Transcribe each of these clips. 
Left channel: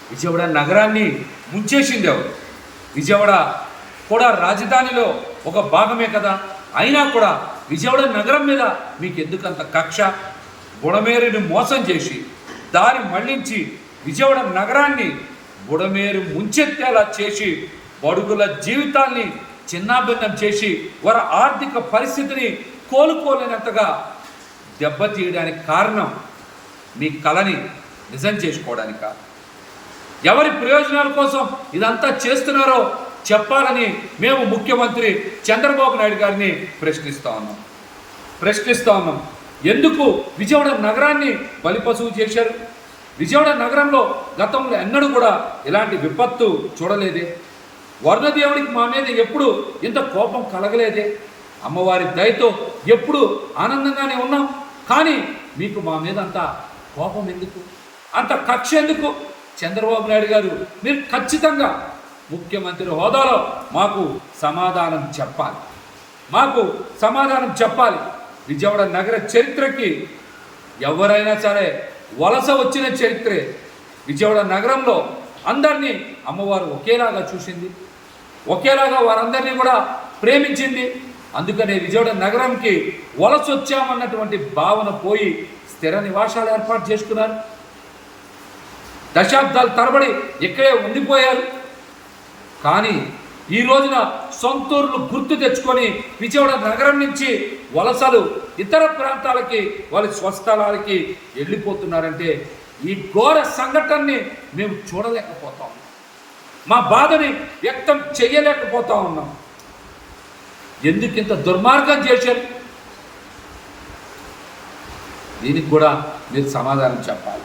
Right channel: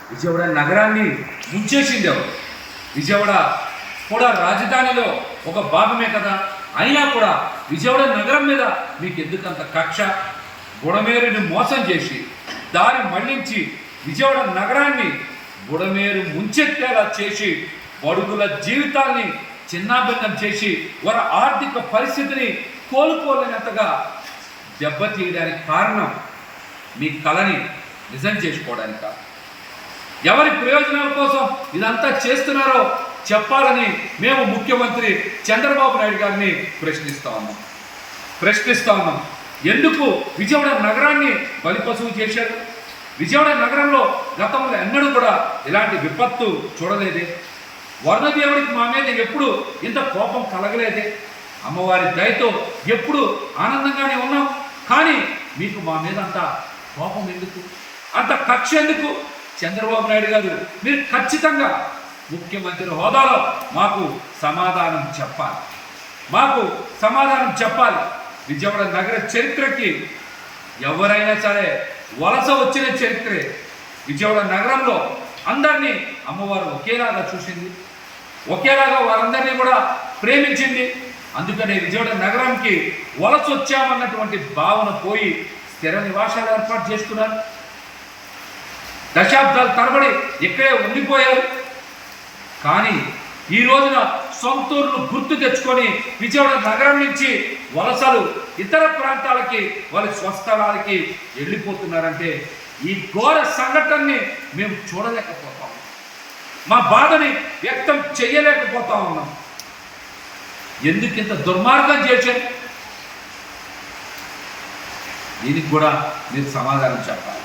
విజయవాడ నగరాన్ని ముంచేసింది ఎవరు? విజయవాడ కూడా రాజధానిలో ఒక భాగమే కదా. అయినా కూడా విజయవాడ నగరం మీద మీకు ఎందుకంత కక్ష? బుడమేరుని మోసం చేసి దారి మళ్లించి విజయవాడ నగరాన్ని బుడమేరు ముంచెత్తేలా చేసి బడుగుల జీవితాల్ని చిన్నాభిన్నం చేసి వారి ఆర్థిక పరిస్థితిని కోలుకోలేనంతగా దెబ్బతీయడానికి కారణం మీ కళని నిజం చేసుకోవడానిక? ఎవరి ప్రయోజనాల కోసం ఇదంతా చేస్తున్నారో చెప్పాలని మేము ముఖ్యమంత్రి చంద్రబాబు నాయుడు గారిని ప్రశ్నిస్తూ ఉన్నాం. ఎందుకు విజయవాడ నగరాన్ని బలిపశువు చేశారు? విజయవాడ నగరంలో గతంలో ఎన్నడూ కూడా ఇలాంటి విపత్తు చూడలేదే. వరుణదేవుడికి మా మీద ఎప్పుడు ఇంత కోపం కలగలేదే. అమ్మవారి దయతో ఎప్పుడు ఆనందంగానే ఉన్నాం. కానీ మీకు మా మీద అంత కోపం ఎందుకు, అంత కక్ష ఎందుకు? చంద్రబాబు నాయుడు గారు, మీరు ఖచ్చితంగా ముఖ్యమంత్రి హోదాలో మాకు సమాధానం చెప్పాలి. విజయవాడ నగర చరిత్రకి ఎవరైనా సరే వలస వచ్చిన చరిత్రే. విజయవాడ నగరంలో అందరినీ అమ్మవారు ఒకేలాగా చూసింది, ఒకేలాగా వారందరినీ కూడా ప్రేమించింది. అందుకనే విజయవాడ నగరంకి వలస వచ్చామన్నటువంటి భావన పోయి స్థిర నివాసాలు ఏర్పాటు చేసుకున్నారు. దశాబ్దాల తరబడి ఇక్కడే ఉండిపోయారు. కానీ ఈ రోజున సొంతూరును గుర్తు తెచ్చుకొని విజయవాడ నగరం నుంచి వలసలు ఇతర ప్రాంతాలకి వాళ్ళ స్వస్థలాలకి వెళ్ళిపోతున్నారంటే ఈ ఘోర సంఘటనని మేము చూడలేకపోతా ఉన్నాం. మా బాధని వ్యక్తం చేయలేకపోతా ఉన్నాం. ఎందుకు ఇంత దుర్మార్గం చేశారు? దీనికి కూడా మీరు సమాధానం చెప్పాలి.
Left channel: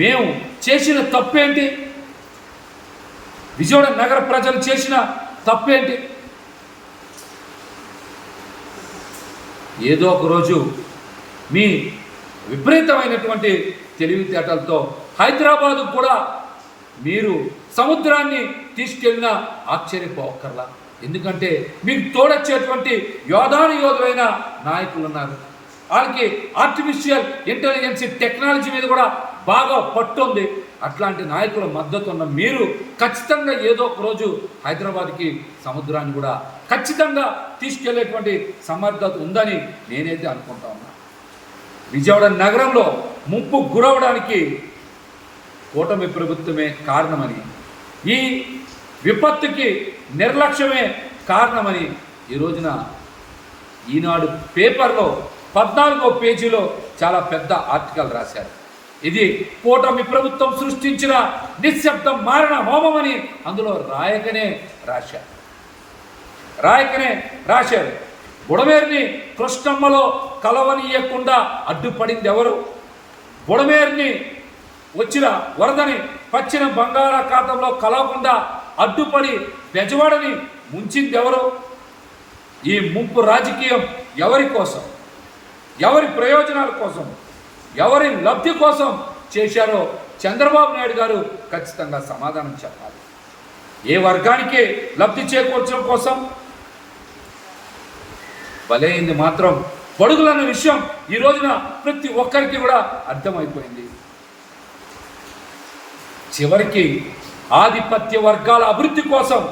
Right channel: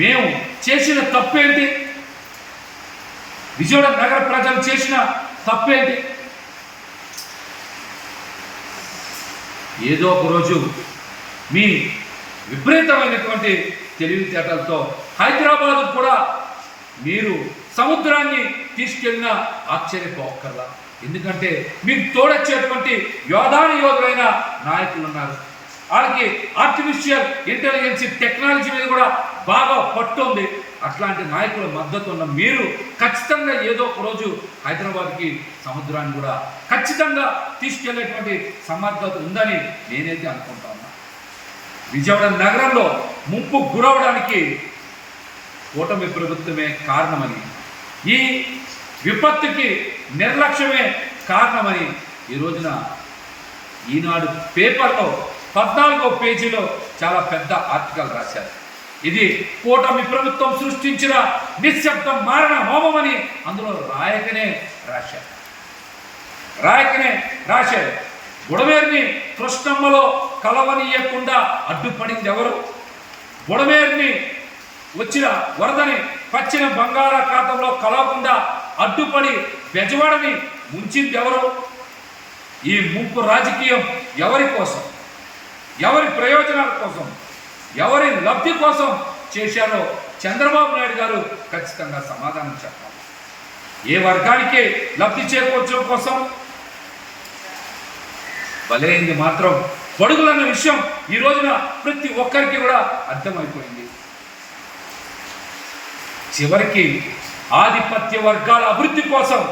మేము చేసిన తప్పేంటి? విజయవాడ నగర ప్రజలు చేసిన తప్పేంటి? ఏదో ఒక రోజు మీ విపరీతమైనటువంటి తెలివితేటలతో హైదరాబాదు కూడా మీరు సముద్రాన్ని తీసుకెళ్ళినా ఆశ్చర్యపోకర్లా. ఎందుకంటే మీకు తోడొచ్చేటువంటి యోధులైన నాయకులు ఉన్నారు. వాళ్ళకి ఆర్టిఫిషియల్ ఇంటెలిజెన్స్ టెక్నాలజీ మీద కూడా బాగా పట్టు ఉంది. అట్లాంటి నాయకుల మద్దతు ఉన్న మీరు ఖచ్చితంగా ఏదో ఒక రోజు హైదరాబాద్కి సముద్రాన్ని కూడా ఖచ్చితంగా తీసుకెళ్లేటువంటి సమర్థత ఉందని నేనైతే అనుకుంటా ఉన్నా. విజయవాడ నగరంలో ముంపు గురవడానికి కూటమి ప్రభుత్వమే కారణమని, ఈ విపత్తుకి నిర్లక్ష్యమే కారణమని ఈ రోజున ఈనాడు పేపర్లో 14వ పేజీలో చాలా పెద్ద ఆర్టికల్ రాశారు. ఇది కూటమి ప్రభుత్వం సృష్టించిన నిశ్శబ్ద మారణ హోమమని అందులో రాయకనే రాశారు. బుడమేరుని కృష్ణమ్మలో కలవనీయకుండా అడ్డుపడింది ఎవరు? బుడమేరుని వచ్చిన వరదని పచ్చిన బంగాళాఖాతంలో కలవకుండా అడ్డుపడి బెజవాడని ముంచింది ఎవరు? ఈ ముంపు రాజకీయం ఎవరి కోసం, ఎవరి ప్రయోజనాల కోసం, ఎవరి లబ్ధి కోసం చేశారో చంద్రబాబు నాయుడు గారు ఖచ్చితంగా సమాధానం చెప్పాలి. ఏ వర్గానికి లబ్ధి చేకూర్చడం కోసం బలైంది మాత్రం బడుగులన్న విషయం ఈ రోజున ప్రతి ఒక్కరికి కూడా అర్థమైపోయింది. చివరికి ఆధిపత్య వర్గాల అభివృద్ధి కోసం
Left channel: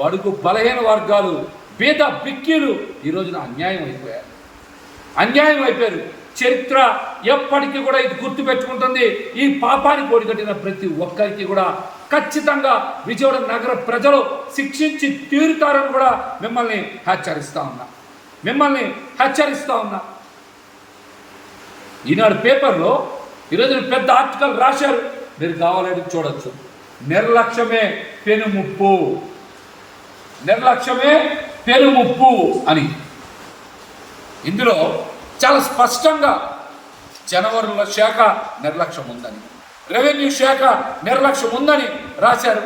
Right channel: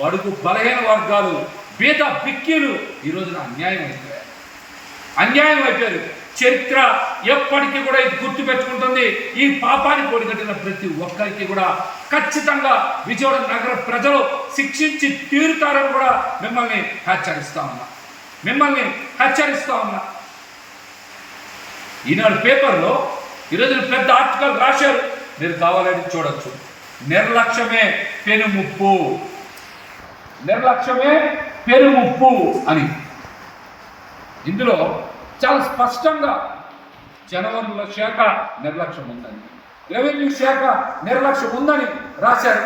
బడుగు బలహీన వర్గాలు, పేద బిక్కీలు ఈ రోజున అన్యాయం అయిపోయారు. చరిత్ర ఎప్పటికీ కూడా ఇది గుర్తుపెట్టుకుంటుంది. ఈ పాపానికి ఒడిగట్టిన ప్రతి ఒక్కరికి కూడా ఖచ్చితంగా విజయవాడ నగర ప్రజలు శిక్షించి తీరుతారని కూడా మిమ్మల్ని హెచ్చరిస్తా ఉన్నా. ఈనాడు పేపర్లో ఈరోజు పెద్ద ఆర్టికల్ రాశారు, మీరు కావాలని చూడొచ్చు. నిర్లక్ష్యమే పెనుముప్పు అని. ఇందులో చాలా స్పష్టంగా జనవరుల శాఖ నిర్లక్ష్యం ఉందని, రెవెన్యూ శాఖ నిర్లక్ష్యం ఉందని రాశారు.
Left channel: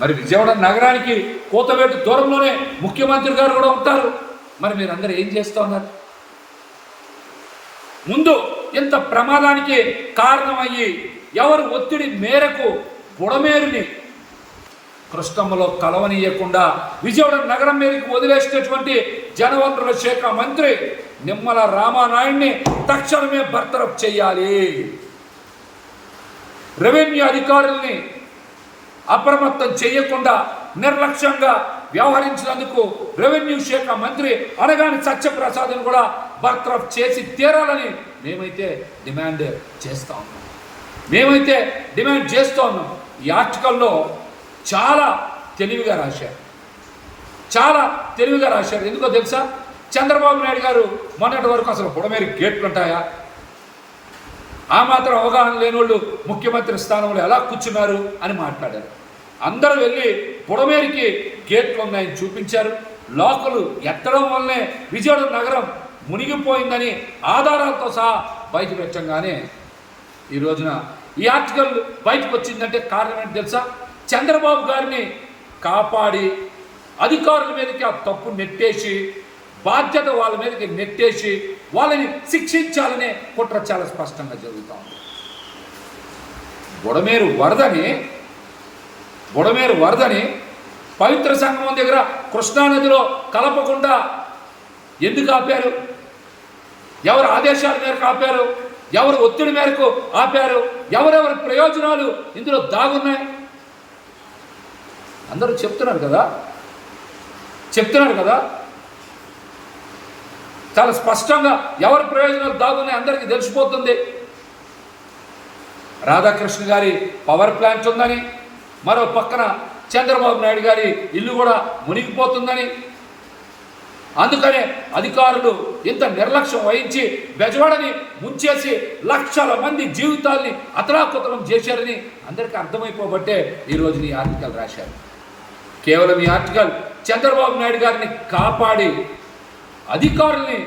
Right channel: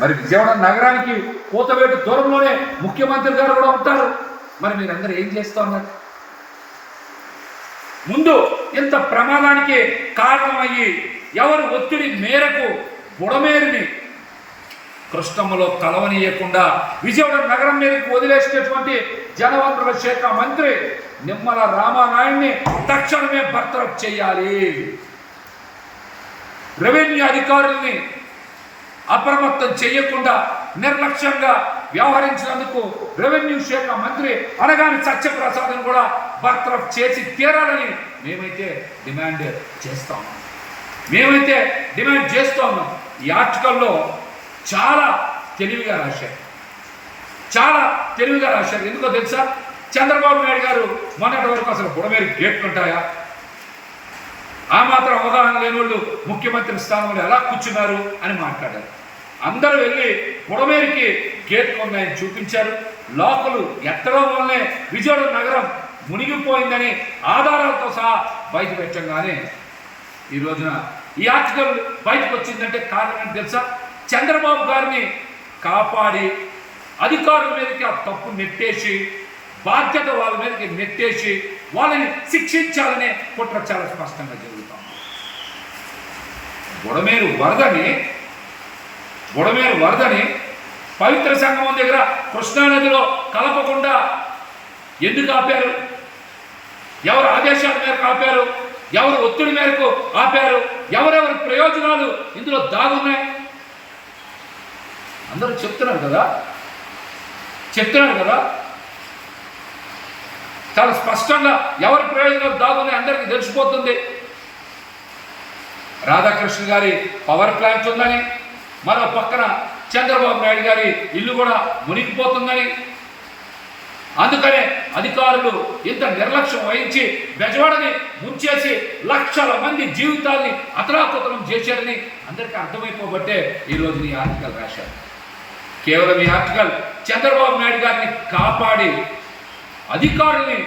మరి విజయవాడ నగరానికి కోతవేటు దూరంలోనే ముఖ్యమంత్రి గారు కూడా ఉంటారు. మరి మీరందరూ ఏం చేస్తూ ఉన్నారు? ముందు ఇంత ప్రమాదానికి కారణమయ్యి ఎవరు ఒత్తిడి మేరకు బుడమేరుని కృష్ణమ్మలో కలవనీయకుండా విజయవాడ నగరం మీదకి వదిలేసినటువంటి జనవనరుల శాఖ మంత్రి నిమ్మల రామానాయుడిని తక్షణమే బర్తరఫ్ చేయాలి. రెవెన్యూ అధికారుల్ని అప్రమత్తం చేయకుండా నిర్లక్ష్యంగా వ్యవహరించినందుకు రెవెన్యూ శాఖ మంత్రి అనగాని సత్యప్రసాద్ని కూడా బర్తరఫ్ చేసి తీరాలని మేమైతే డిమాండ్ చేస్తా ఉన్నాం. ఈ ఆర్టికల్లో చాలా తెలివిగా రాశారు. ఎందుకో తెలుసా? చంద్రబాబు నాయుడు గారు మొన్నటి వరకు అసలు బుడమేరు గేట్లు ఉంటాయా, ఆ మాత్రం అవగాహన లేని వాళ్ళు ముఖ్యమంత్రి స్థానంలో ఎలా కూర్చున్నారు అని మాట్లాడారు. అందరూ వెళ్ళి బుడమేరుకి గేట్లు ఉన్నాయని చూపించారు. లోకలు ఎత్తడం వల్లనే విజయవాడ నగరం మునిగిపోయిందని ఆధారాలతో సహా బయట పెట్టంగానే ఈ రోజున ఈ ఆర్టికల్ బయటకు వచ్చిందంటే కారణం ఏంటి తెలుసా? చంద్రబాబు గారిని కాపాడి అధికారుల మీదకి ఆ తప్పు నెట్టేసి బాధ్యత వాళ్ళ మీదకి నెట్టేసి వాళ్ళని శిక్షించాలనే కుట్ర చాలా స్పష్టంగా జరుగుతాం. బుడమేరు వరదని పవిత్ర సంగమం దగ్గర కృష్ణానదిలో కలపకుండా ఎందుకు ఆపారు? ఎవరు ఆదేశాల మేరకు ఆపారు? ఎవరు ఒత్తిడి మేరకు ఆపారు? ఎవరెవరి ప్రయోజనాలు ఇందులో దాగున్నాయి? అందరూ చెప్తున్నారు కదా చాలా స్పష్టంగా ఎవరి ప్రయోజనాలు దాగున్నాయి అందరికీ తెలిసిపోతుంది. రాధాకృష్ణ గారి పవర్ ప్లాంట్ ఉందని, మరో పక్కన చంద్రబాబు నాయుడు గారి ఇల్లు కూడా మునిగిపోతుందని, అందుకనే అధికారులు ఇంత నిర్లక్ష్యం వహించి బెజవాడని ముంచేసి లక్షల మంది జీవితాల్ని అతలాకుతలం చేశారని అందరికీ అర్థమైపోబట్టే ఈరోజు ఈ ఆర్టికల్ రాశారు. కేవలం ఈ ఆర్టికల్ చంద్రబాబు నాయుడు గారిని కాపాడి అధికారుల్ని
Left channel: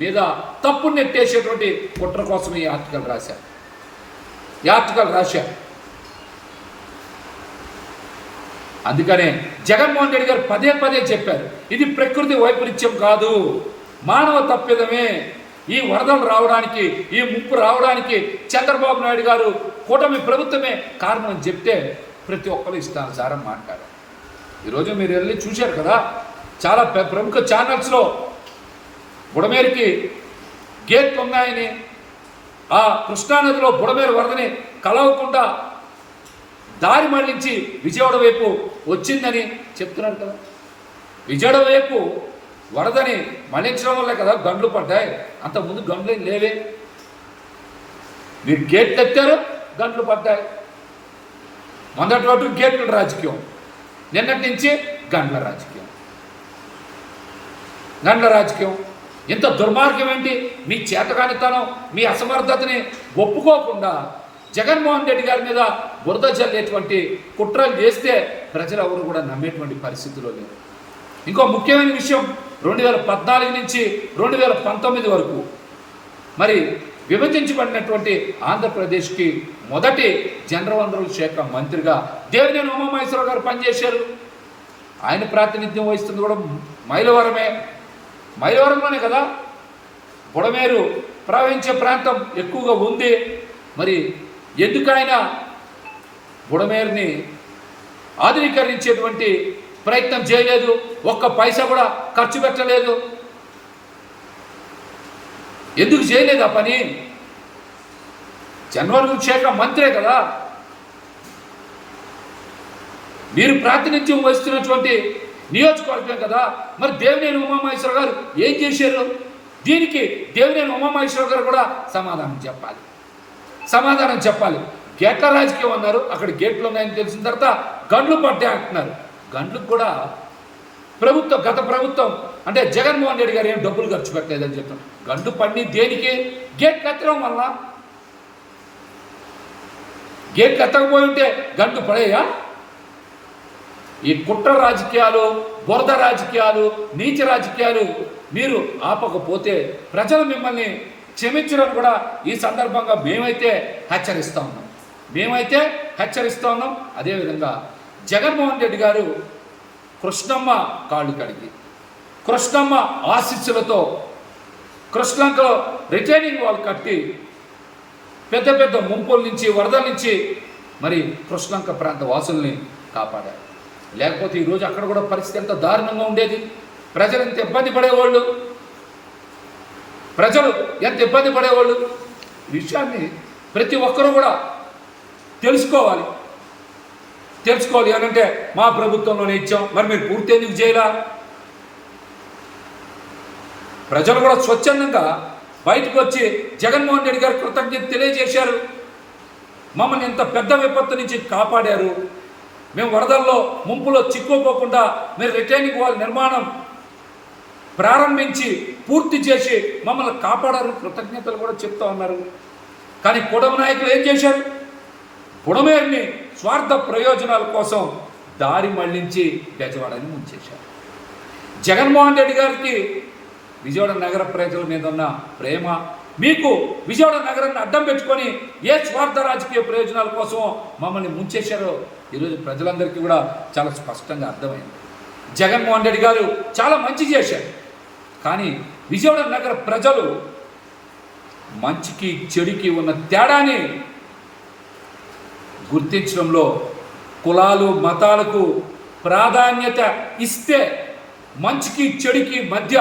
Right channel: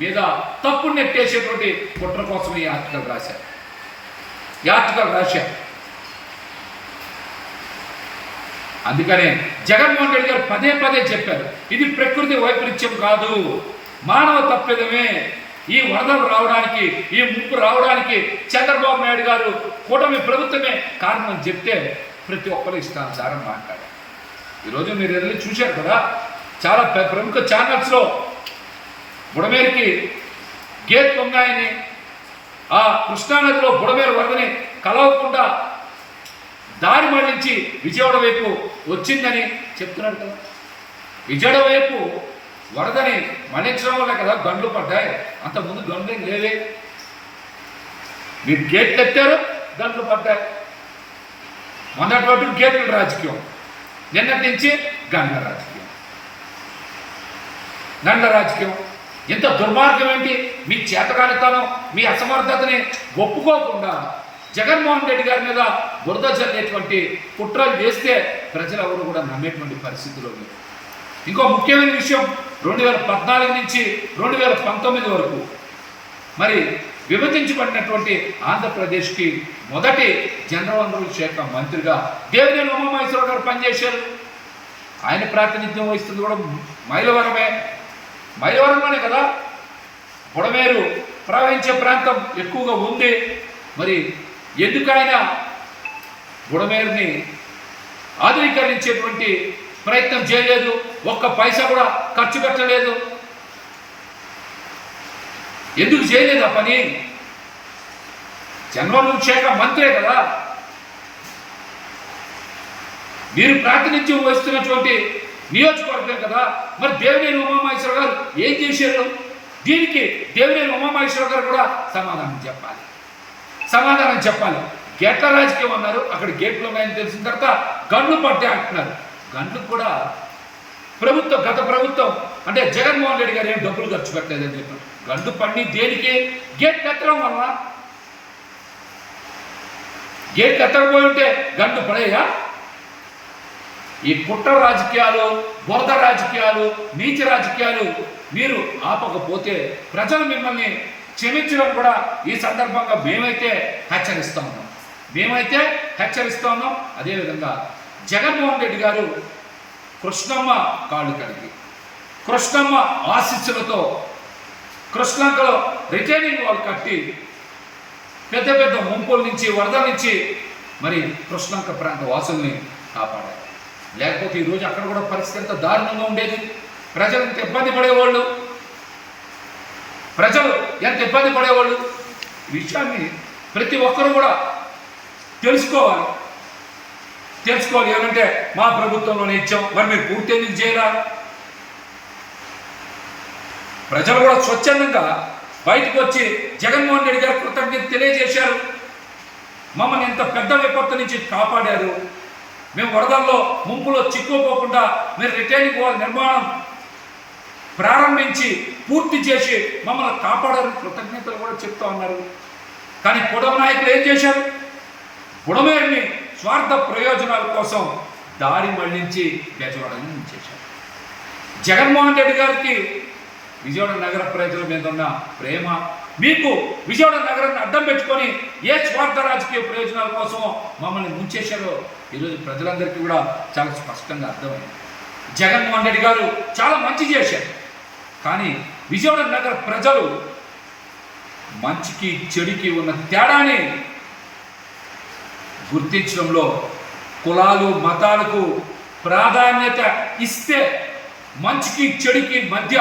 మీద తప్పు నెట్టేసేటువంటి కుట్ర కోసం ఈ ఆర్టికల్ రాశారు. అందుకనే జగన్మోహన్ రెడ్డి గారు పదే చెప్పారు, ఇది ప్రకృతి వైపరీత్యం కాదు, మానవ తప్పిదమే. ఈ వరదలు రావడానికి, ఈ ముప్పు రావడానికి చంద్రబాబు నాయుడు గారు కూటమి ప్రభుత్వమే కారణం అని చెప్తే ప్రతి ఒక్కరు ఇష్టానుసారం మాట్లాడారు. ఈరోజు మీరు వెళ్ళి చూశారు కదా, చాలా ప్రముఖ ఛానల్స్లో బుడమేరుకి గేట్లు ఉన్నాయని, ఆ కృష్ణానదిలో బుడమేరు వరదని కలవకుండా దారి మళ్లించి విజయవాడ వైపు వచ్చిందని చెప్తున్నారు కదా. విజయవాడ వైపు వరదని మళ్లించడం వల్ల కదా గండ్లు పడ్డాయి. అంతకుముందు గండ్లు లేవే. మీరు గేట్లు ఎత్తారు, గండ్లు పడ్డాయి. మొన్నటి వరకు గేట్ల రాజకీయం, నిన్నటి నుంచి గండ్ల రాజకీయం. ఇంత దుర్మార్గం ఏంటి? మీ చేతకానితనం, మీ అసమర్థతని ఒప్పుకోకుండా జగన్మోహన్ రెడ్డి గారి మీద బురద చల్లేటువంటి కుట్రలు చేస్తే ప్రజలు ఎవరు కూడా నమ్మేటువంటి పరిస్థితిలో లేరు. ఇంకో ముఖ్యమైన విషయం, 2014 నుంచి 2019 వరకు మరి విభజించబడినటువంటి ఆంధ్రప్రదేశ్కి మొదటి జలవనరుల శాఖ మంత్రిగా దేవినేని ఉమామహేశ్వరరావు గారు పనిచేశారు. ఆయన ప్రాతినిధ్యం వహిస్తుంది కూడా మైలవరంలోనే కదా. బుడమేరు ప్రవహించే ప్రాంతం ఎక్కువగా ఉంది. మరి ఎందుకైనా బుడమేరుని ఆధునీకరించేటువంటి ప్రయత్నం చేయలేదు, ఒక్క పైసా కూడా ఖర్చు పెట్టలేదు. ఎందుకు చేయలేదు ఆ పని? జలవనరుల శాఖ మంత్రే కదా. మీరు ప్రాతినిధ్యం వహిస్తున్నటువంటి నియోజకవర్గం కదా. మరి దేవినేని ఉమామహేశ్వరరావు గారు ఏం చేశారు? దీనికి దేవినేని ఉమామహేశ్వరరావు గారు కూడా సమాధానం చెప్పాలి. గేట్ల రాజకీయం అన్నారు, అక్కడ గేట్లు ఉన్నాయని తెలిసిన తర్వాత గండ్లు పడ్డా అంటున్నారు. గండ్లకు కూడా గత ప్రభుత్వం అంటే జగన్మోహన్ రెడ్డి గారు ఏం డబ్బులు ఖర్చు పెట్టలేదని చెప్పారు. గండు పడి దేనికి? గేట్లు ఎత్తడం వల్ల. గేట్లు ఎత్తకపోయి ఉంటే గండు పడేయా? ఈ కుట్ర రాజకీయాలు, బురద రాజకీయాలు, నీచ రాజకీయాలు మీరు ఆపకపోతే ప్రజలు మిమ్మల్ని క్షమించడం కూడా ఈ సందర్భంగా మేమైతే హెచ్చరిస్తూ ఉన్నాం. అదేవిధంగా జగన్మోహన్ రెడ్డి గారు కృష్ణమ్మ కాళ్ళు కడిగి, కృష్ణమ్మ ఆశీస్సులతో కృష్ణంకలో రిటైనింగ్ వాల్ కట్టి పెద్ద పెద్ద ముంపుల నుంచి, వరదల నుంచి మరి కృష్ణంక ప్రాంత వాసుల్ని కాపాడారు. లేకపోతే ఈరోజు అక్కడ కూడా పరిస్థితి ఎంత దారుణంగా ఉండేది. ప్రజలు ఎంత ఇబ్బంది పడేవాళ్ళు. ప్రజలు ఎంత ఇబ్బంది పడేవాళ్ళు. ఈ విషయాన్ని ప్రతి ఒక్కరూ కూడా తెలుసుకోవాలి. ఏమంటే మా ప్రభుత్వంలోనే ఇచ్చాం, మరి మీరు పూర్తి ఎందుకు చేయరా? ప్రజలు కూడా స్వచ్ఛందంగా బయటకు వచ్చి జగన్మోహన్ రెడ్డి గారు కృతజ్ఞత తెలియజేశారు. మమ్మల్ని ఇంత పెద్ద విపత్తు నుంచి కాపాడారు, మేము వరదల్లో ముంపులో చిక్కుకోకుండా మీరు రిటైనింగ్ వాల్ నిర్మాణం ప్రారంభించి పూర్తి చేసి మమ్మల్ని కాపాడారు, కృతజ్ఞతలు కూడా చెప్తా ఉన్నారు. కానీ పొడవు నాయకులు ఏం చేశారు? బుడమేరుని స్వార్థ ప్రయోజనాల కోసం దారి మళ్లించి బెజవాడని ముంచేశారు. జగన్మోహన్ రెడ్డి గారికి విజయవాడ నగర ప్రజల మీద ఉన్న ప్రేమ, మీకు విజయవాడ నగరాన్ని అడ్డం పెట్టుకొని ఏ స్వార్థ రాజకీయ ప్రయోజనాల కోసం మమ్మల్ని ముంచేశారో ఈరోజు ప్రజలందరికీ కూడా చాలా స్పష్టంగా అర్థమైంది. జగన్మోహన్ రెడ్డి గారు చాలా మంచి చేశారు, కానీ విజయవాడ నగర ప్రజలు మంచికి చెడుకి ఉన్న తేడాని గుర్తించడంలో కులాలు మతాలకు ప్రాధాన్యత ఇస్తే మంచికి చెడుకి మధ్య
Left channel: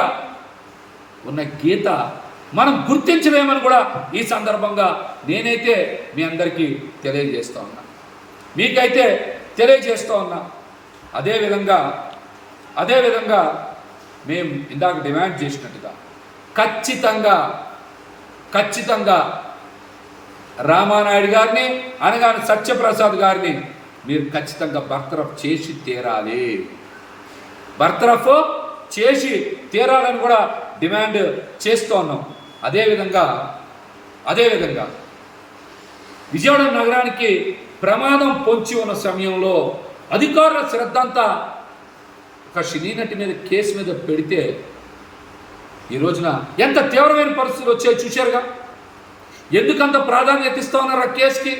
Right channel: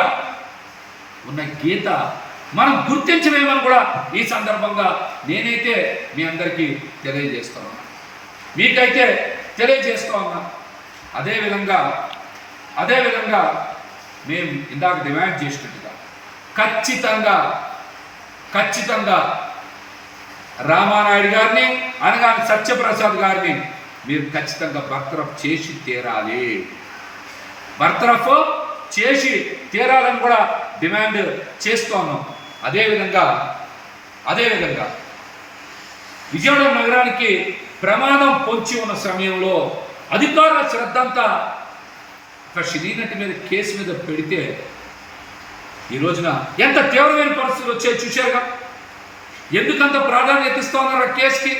ఉన్న గీత మనం గుర్తించలేమని కూడా ఈ సందర్భంగా నేనైతే మీ అందరికీ తెలియజేస్తూ ఉన్నా, మీకైతే తెలియజేస్తూ ఉన్నా. అదేవిధంగా మేము ఇందాక డిమాండ్ చేసినట్టుగా ఖచ్చితంగా రామానాయుడు గారిని అనగానే సత్యప్రసాద్ గారిని మీరు ఖచ్చితంగా బర్తరఫ్ చేసి తీరాలని కూడా డిమాండ్ చేస్తూ ఉన్నాం. అదేవిధంగా విజయవాడ నగరానికి ప్రమాదం పొంచి ఉన్న సమయంలో అధికారుల శ్రద్ధ అంతా ఒక సినీ నటి మీద కేసు మీద పెడితే ఈ రోజున ఎంత తీవ్రమైన పరిస్థితులు వచ్చాయో చూశారుగా. ఎందుకంత ప్రాధాన్యత ఇస్తూ ఉన్నారు ఆ కేసుకి?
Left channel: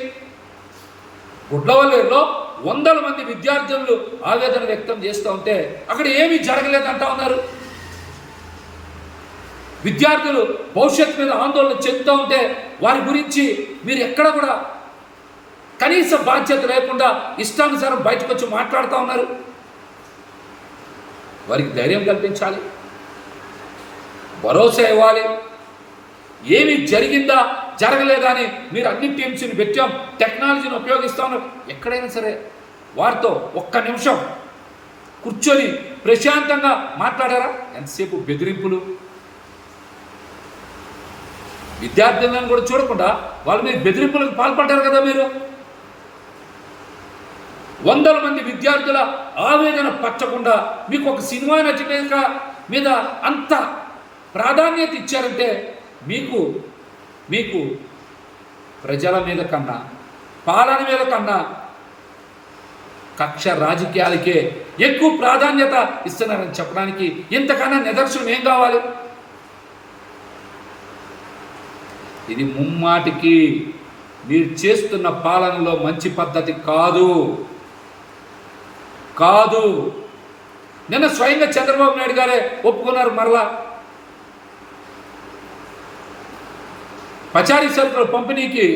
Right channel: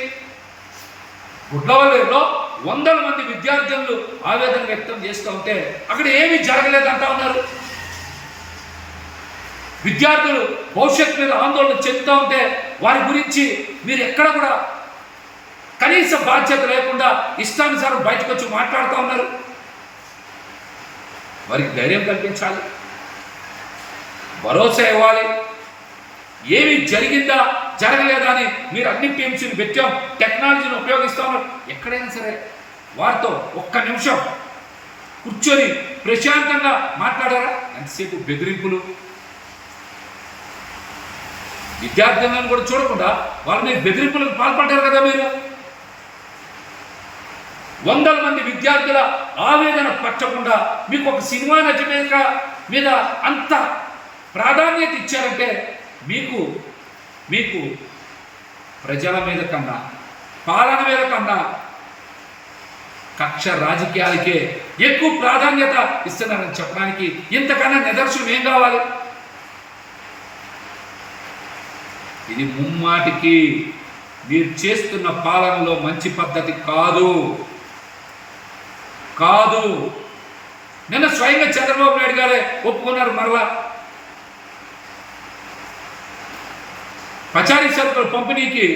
గుడ్లవల్లిలో 100 మంది విద్యార్థులు ఆవేదన వ్యక్తం చేస్తూ ఉంటే అక్కడ ఏమీ జరగలేదంటా ఉన్నారు. విద్యార్థులు భవిష్యత్తు మీద ఆందోళన చెందుతూ ఉంటే వారి గురించి మీరు ఎక్కడ కూడా కనీస బాధ్యత లేకుండా ఇష్టానుసారం బయటకు వచ్చి మాట్లాడుతూ ఉన్నారు. వారికి ధైర్యం కల్పించాలి, భరోసా ఇవ్వాలి. ఏమి జరిగిందా జరగలేదా అని మీరు అన్ని టీమ్స్ని పెట్టాం, టెక్నాలజీని ఉపయోగిస్తాము. ఎక్కడైనా సరే వారితో ఒక్క నిమిషం కూర్చొని ప్రశాంతంగా మాట్లాడారా? ఎంతసేపు బెదిరింపులు, విద్యార్థులను కూడా చూడకుండా వాళ్ళు మీరు బెదిరింపులకు పాల్పడ్డారు కదా. మీరు 100 మంది విద్యార్థుల ఆవేదన పట్టకుండా మీకు ఒక సినిమా నటి మీద అంత ప్రాధాన్యత ఇచ్చారంటే మీకు ప్రజల మీద కన్నా పాలన మీద కన్నా కక్ష రాజకీయాలకే ఎక్కువ ప్రాధాన్యత ఇస్తున్నారని చెప్పడానికి ఇంతకన్నా నిదర్శనం ఏం కావాలి? ఇది ముమ్మాటికి మీరు చేస్తున్న పాలనలో మంచి పద్ధతి కాదు. నిన్న స్వయంగా చంద్రబాబు నాయుడు గారే ఒప్పుకున్నారు. మరలా పచారీ సరుకుల పంపిణీకి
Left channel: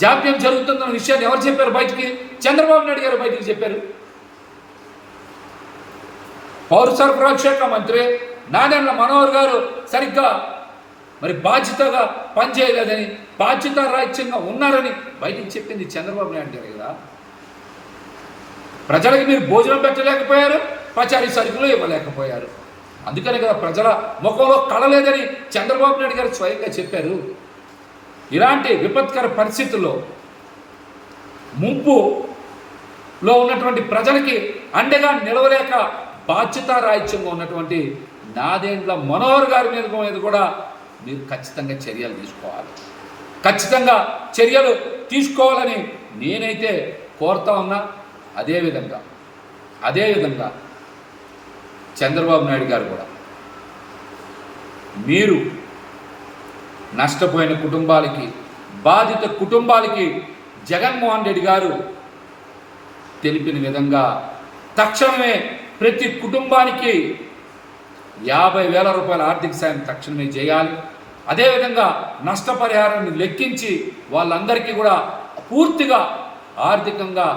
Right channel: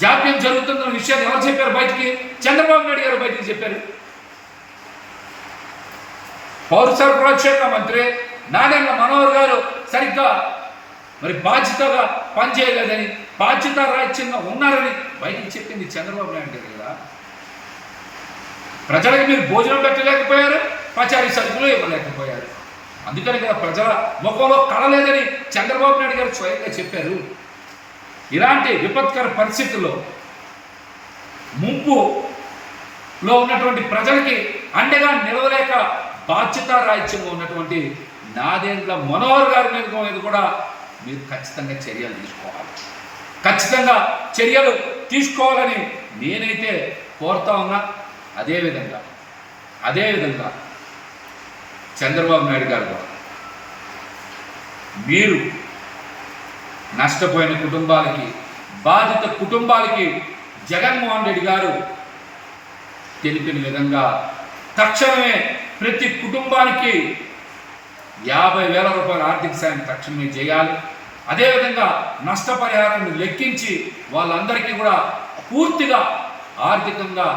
జాప్యం జరుగుతుందన్న విషయాన్ని ఎవరు చెప్పారు బయటికి? చంద్రబాబు నాయుడు గారు బయటికి చెప్పారు. పౌర సరఫరాల శాఖ మంత్రి నాదెండ్ల మనోహర్ గారు సరిగ్గా మరి బాధ్యతగా పనిచేయలేదని, బాధ్యత రాజ్యంగా ఉన్నారని బయటికి చెప్పింది చంద్రబాబు నాయుడు గారు కదా. ప్రజలకు మీరు భోజనం పెట్టలేకపోయారు, పచారీ సరుకులు ఇవ్వలేకపోయారు. అందుకని కదా ప్రజల ముఖంలో కళలేదని చంద్రబాబు నాయుడు గారు స్వయంగా చెప్పారు. ఇలాంటి విపత్కర పరిస్థితుల్లో ముంపులో ఉన్నటువంటి ప్రజలకి అండగా నిలవలేక బాధ్యతారాహిత్యంగా ఉన్నటువంటి నాదెండ్ల మనోహర్ గారి మీద కూడా మీరు ఖచ్చితంగా చర్యలు తీసుకోవాలని నేనైతే కోరుతా ఉన్నా. అదేవిధంగా చంద్రబాబు నాయుడు గారు కూడా మీరు నష్టపోయిన కుటుంబాలకి, బాధిత కుటుంబాలకి జగన్మోహన్ రెడ్డి గారు తెలిపిన విధంగా తక్షణమే ప్రతి కుటుంబానికి 50,000 రూపాయల ఆర్థిక సాయం తక్షణమే చేయాలి. అదేవిధంగా నష్టపరిహారాన్ని లెక్కించి వాళ్ళందరికీ కూడా పూర్తిగా ఆర్థికంగా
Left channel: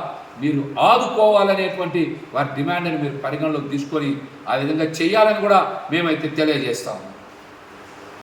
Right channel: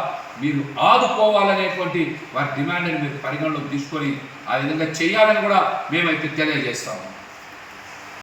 మీరు ఆదుకోవాలనేటువంటి వారి డిమాండ్ని మీరు పరిగణలోకి తీసుకొని ఆ విధంగా చేయాలని కూడా మేమైతే తెలియజేస్తాము.